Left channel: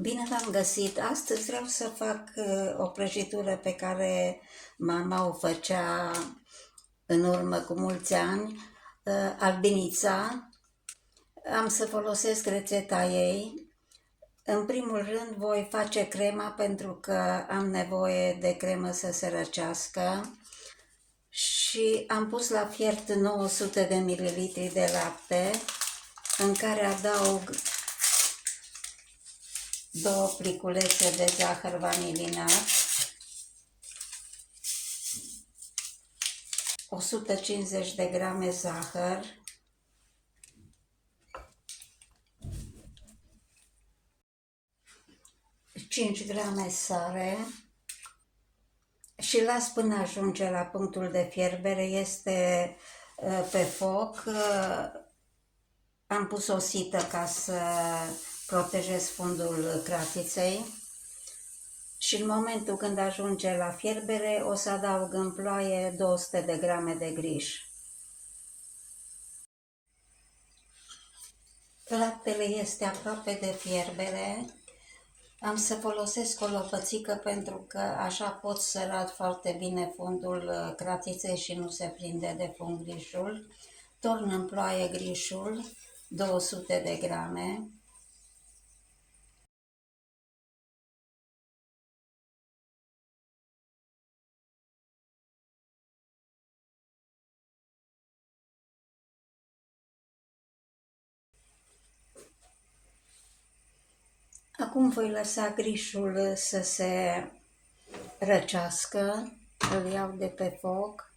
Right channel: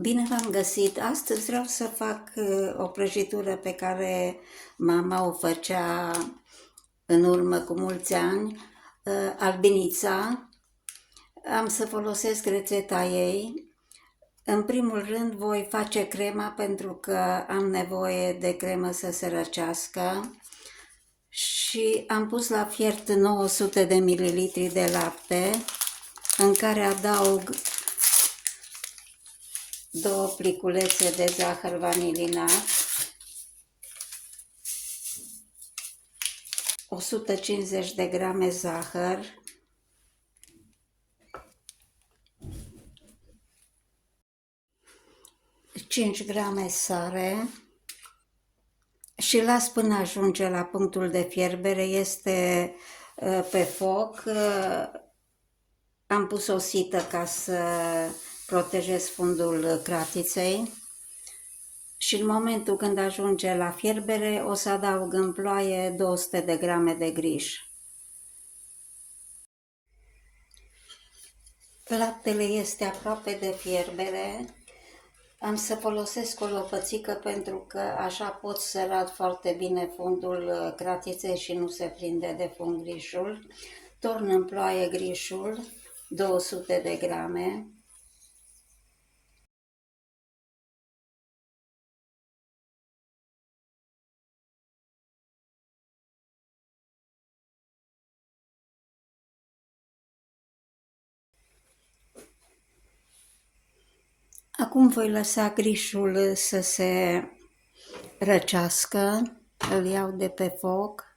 Bine v-am găsit! Astăzi vreau să fac o prăjitură pe care mama o făcea în urmă cu mulți ani, albinița. Am să folosesc rețeta ei. În primul rând voi face crema pentru că am nevoie de cremă să se răcească și am pus la fiert 900 de ml de lapte în care adaug 2 pliculețe de zahăr vanilinat, 150 de grame zahăr, cinci grame sare și las până ajunge la punctul de fierbere. Este pe foc. Am pus o sită ca să protejez fundul cratiței și în momentul când ajunge la fierbere o să adaug în ploaie 200 de grame de griș. Laptele este aproape de fierbere. Am să folosesc o lopățică pentru că așa pot săra foarte bine fundul cratiței și nu se prinde de fund grișul. Torn în ploaie grișul, 200 de grame. Acum voi lăsa grișul să se răcească, îl iau de pe foc.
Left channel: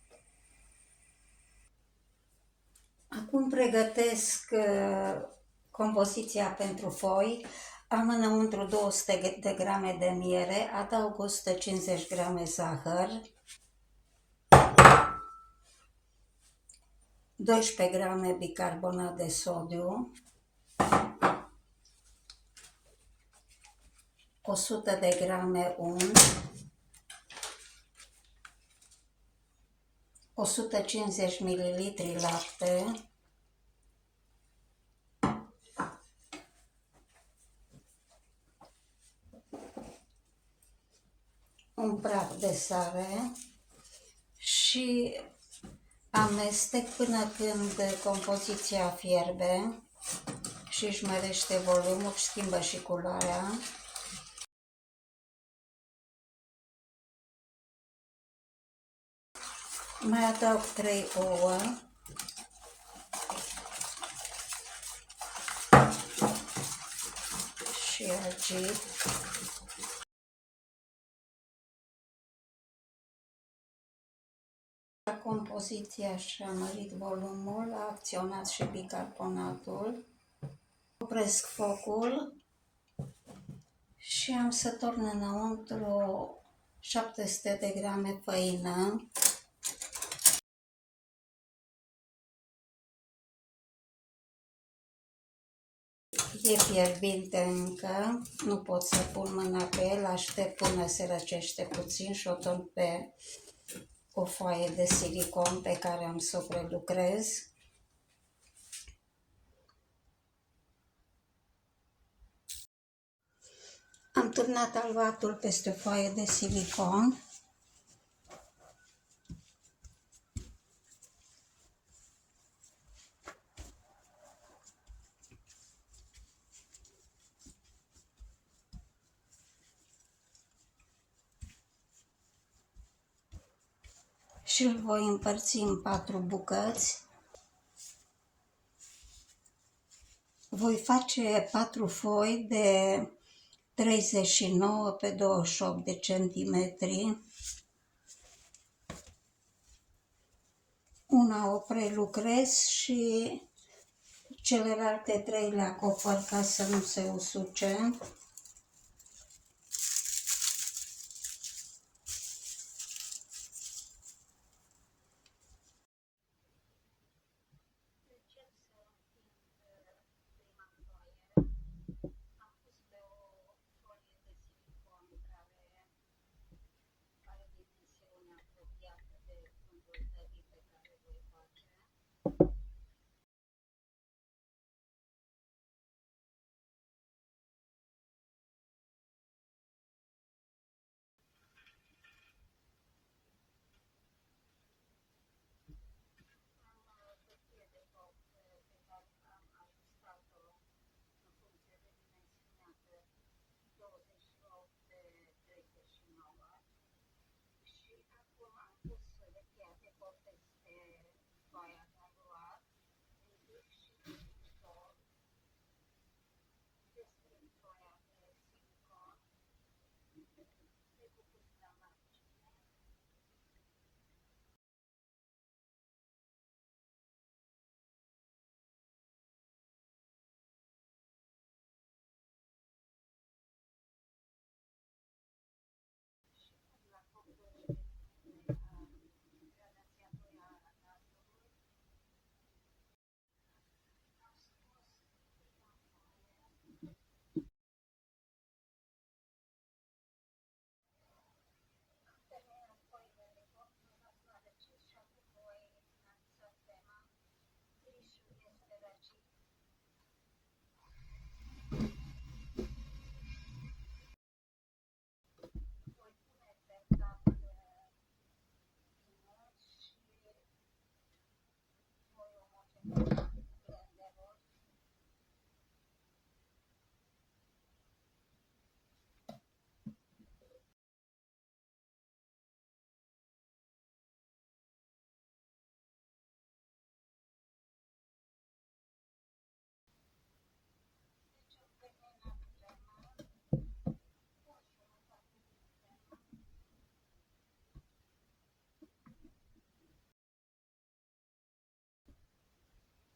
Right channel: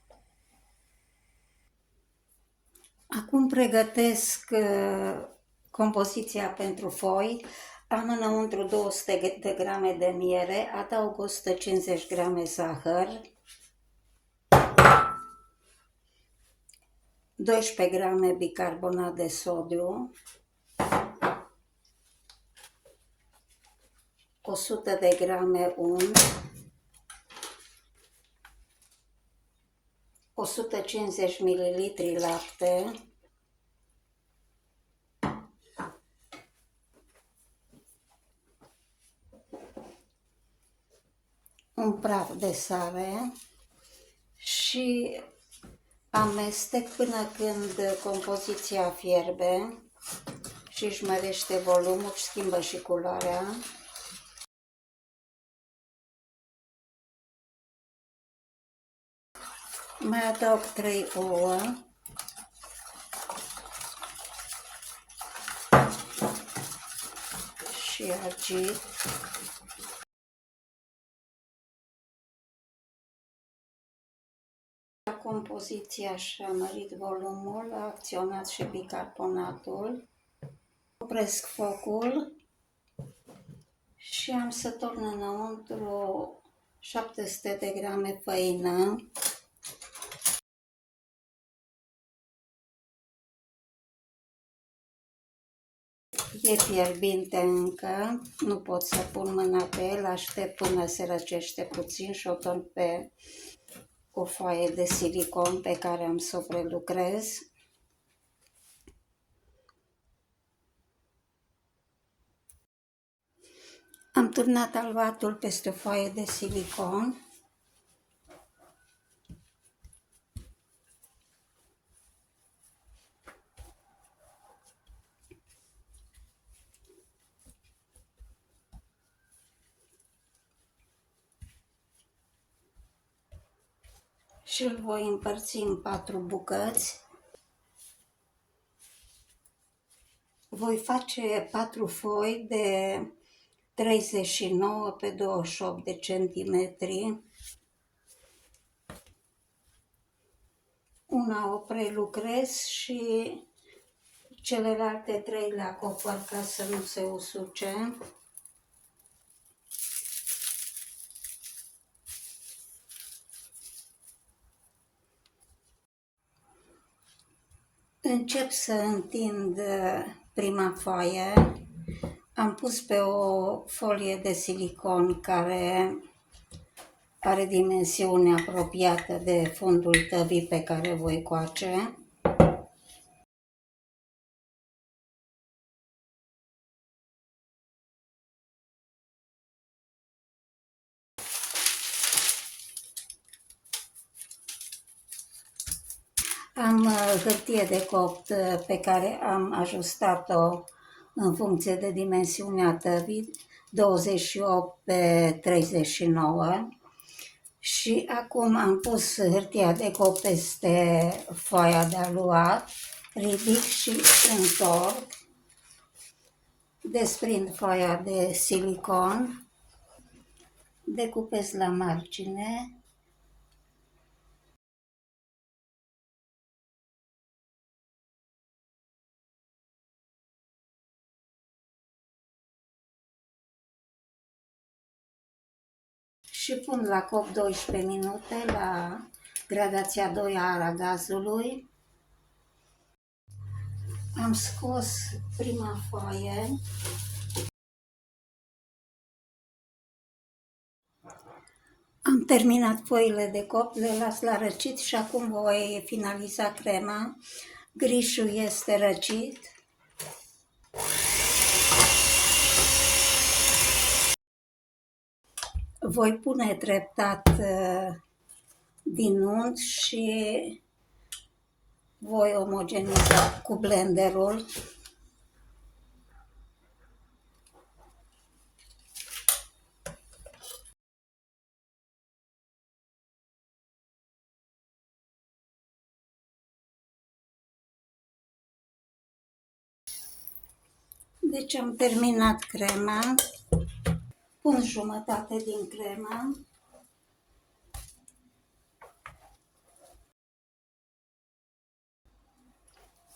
Acum pregătesc compoziția pentru foi. Am înăuntru 200 de grame de miere, adaug 150 grame zahăr, 12 grame bicarbonat de sodiu, 100 de grame unt, 150 ml lapte, un praf de sare și amestec până când compoziția fierbe și își mărește volumul și schimbă și culoarea. Mai adaug 3 ouă și agit. Compoziția și-a mărit volumul, a acționat și bicarbonatul. Opresc focul și am să torn înăuntru 700 de grame făină, e fierbinte încă, nu pot să pun mâna pe el, aștept până se răcește puțin și o torn pe o foaie de silicon pe care am să o prelucrez. Am turnat albatul peste o foaie de silicon. Și îl voi împărți în 4 bucăți. Voi face 4 foi de 39 pe 28 de centimetri. Una o prelucrez și celelalte 3 le acopăr ca să nu se usuce. Încep să întind prima foaie. Am pus pe o folie de silicon care are dimensiune apropiată de fundul tăvii pe care voi coace. Am hârtie de copt pe care am ajustat-o în funcție de dimensiunea tăvii, 28 pe 39, și acum am pus hârtia de copt peste foaia de aluat, ridic și întorc, desprind foaia de silicon, decupez la margine, și pun la copt 12 minute la gradația 2 a aragazului. Am scos prima foaie. Am terminat foile de copt, le las la răcit și acum voi finaliza crema. Grișul este răcit. Voi pune treptat din unt și voi omogeniza cu blenderul. Deci am terminat crema. Pun jumătate din crema.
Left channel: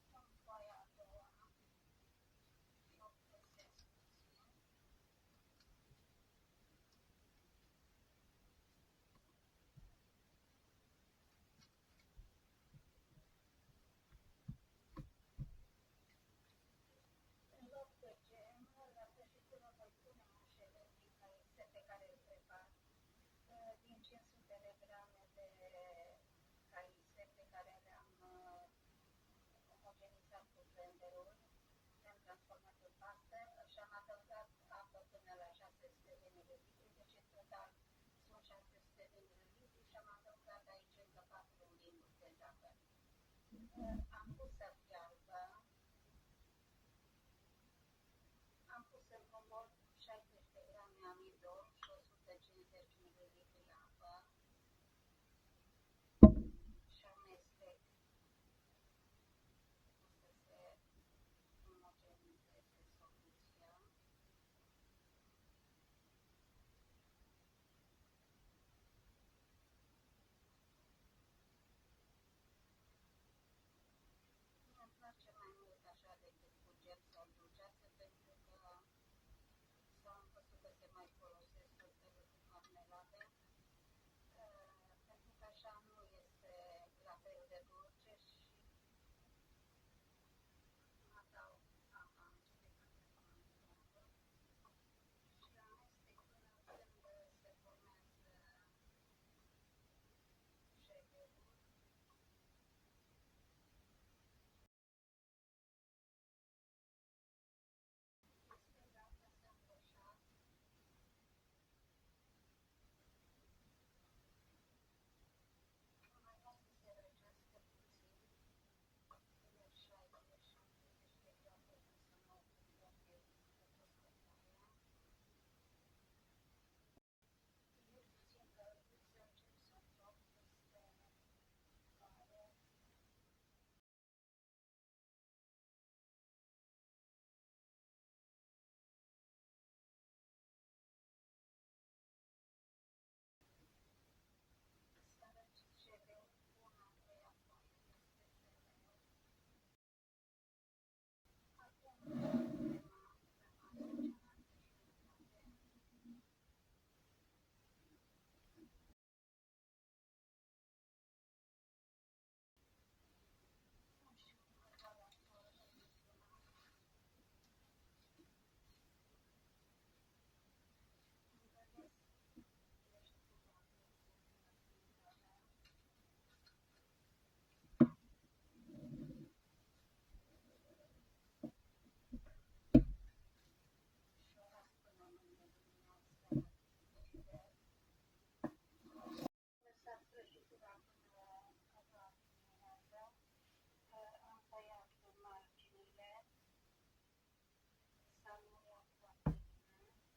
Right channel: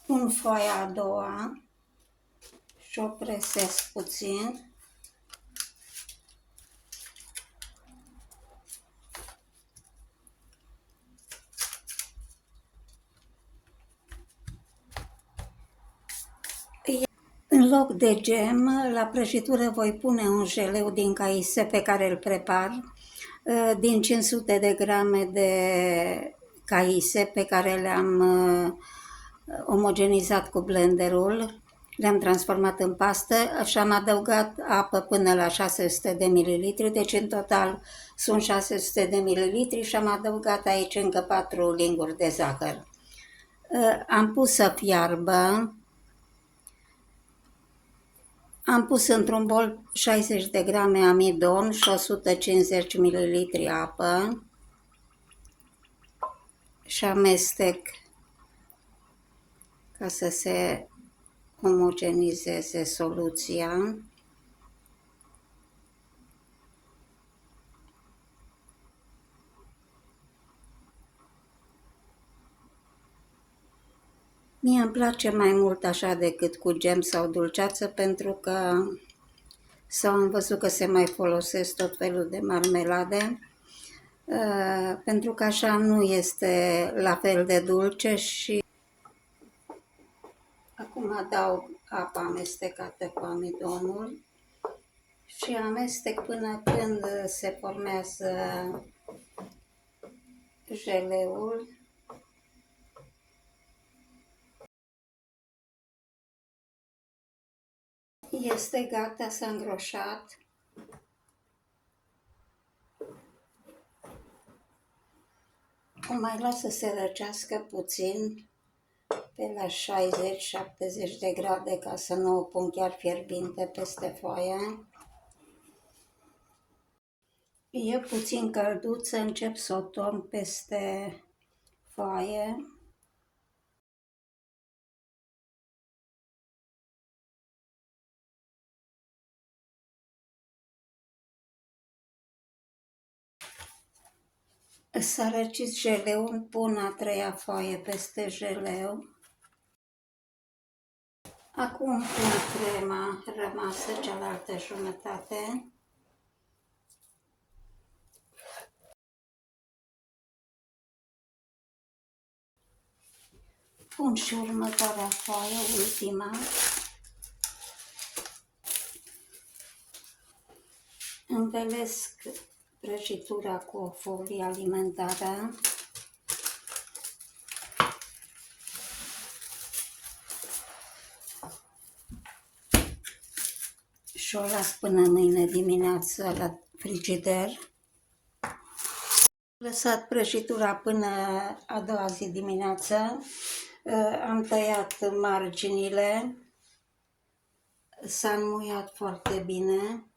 Pun foaia a doua și o presez puțin. În loc de gem, la prăjitură voi pune un jeleu din caise pe care îl prepar, din 500 de grame de caise pe care le-am omogenizat cu blenderul, le-am transformat în pastă și am adăugat apă până la 600 de ml, deci în total sunt 600 de ml și am adăugat aici încă 4 linguri de zahăr. Am pus să fiarbă. Am pus într-un bol 60 de grame amidon și 150 ml apă și amestec ca să se omogenizeze soluția. Mie îmi place mai mult așa decât cu gem sau dulceață, pentru că sau am văzut că se mai folosesc tot felul de marmelade, pentru că așa nu este la fel de dulce. Și acum adaug apa amestecată cu amidonul și amestec până când se formează jeleul. Este gata, s-a îngroșat. O mai las să se răcească puțin, pe la 60-70 de grade, ca să nu o pun chiar fierbinte peste foaie. E puțin călduță, încep să o torn peste foaie. S-a răcit jeleul, pun a treia foaie peste jeleu. Acum pun crema rămasă, cealaltă jumătate. Pun și următoarea foaie, ultima. Învelesc prăjitura cu o folie alimentară. Și o las până mâine dimineață la frigider. Lăsat prăjitura până a doua zi dimineață, am tăiat marginile, s-a înmuiat foarte bine